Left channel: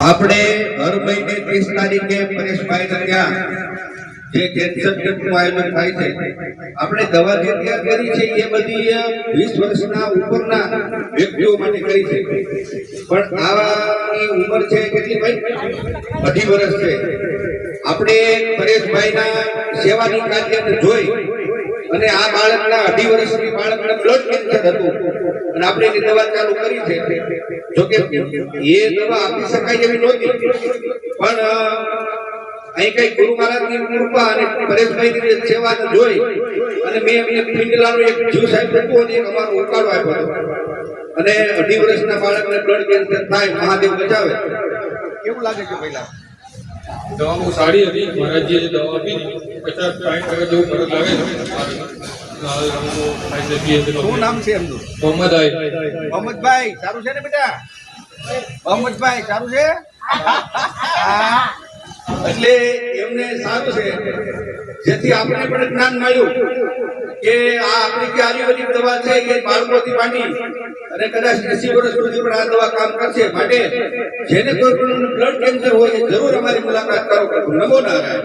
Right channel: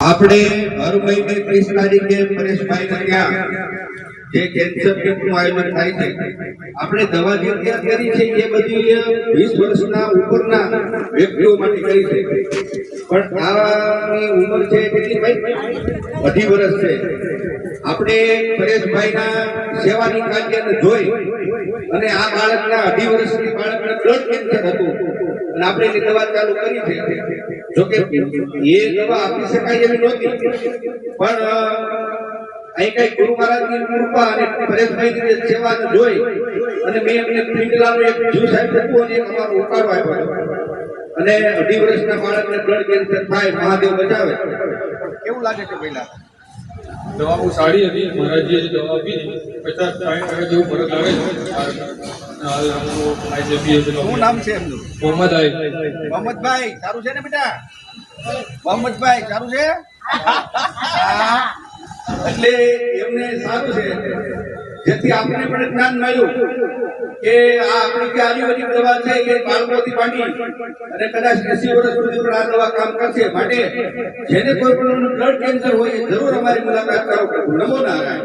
આપણે હર મહિને 30 તારીખે પરેશભાઈના ત્યાં જે કેન્સર કેમ્પનું આયોજન થાય છે, આપણે દવા જે તૈયાર કરી છે એ બધી 20 વર્ષના ઉપરના વ્યક્તિઓ માટે કરી છે, પણ આની ઉંમર છે કેટલી ભાઈ? 2.5 વર્ષ છે. આપણે પરેશભાઈના સેવાની કાર્યને જોઈ અને આ બાળકના 2.5 વર્ષની બાળકને બ્લડ કેન્સર હતું અને આપણે એની દવા ચાલુ કરી છે. જોકે એ દવા આપી શકાય એવી નહોતી, પણ અહીં કઈ ગુરુ મહારાજની કૃપા અને પરેશભાઈની સેવાને જોઈ અને મેં એમને પિંડલાનો એક જીવ સાહેબ હતું અને એક અમારો ઉકાળો આપ્યો હતો અને 2.5 વર્ષના બાળકને બ્લડ કેન્સર થાય, મહાદેવ બચાવે. કેવું લાગે છે પહેલા? દવા બહુ સારી હતી. મહારાજે જે દવા આપી 50-60% જેવું ફરક આવે છે. શું નામ છે એમનું? મોહમ્મદભાઈ. સારું છે ને બેટા? મોહમ્મદભાઈ સારું છે? એટલે એમને સારું છે, જેથી આપણે પણ જ્ઞાન મળ્યું કે આ આપણી જે આયુર્વેદિક દવા છે એ બાળકોથી માંડી અને કદાચ 80 વર્ષ સુધી પણ આ દવા કામ કરશે. માટે જેને કોઈ પણ બ્લડ કેન્સર હોય એ જરૂર અમારી મુલાકાત કરો. નમો નારાયણ.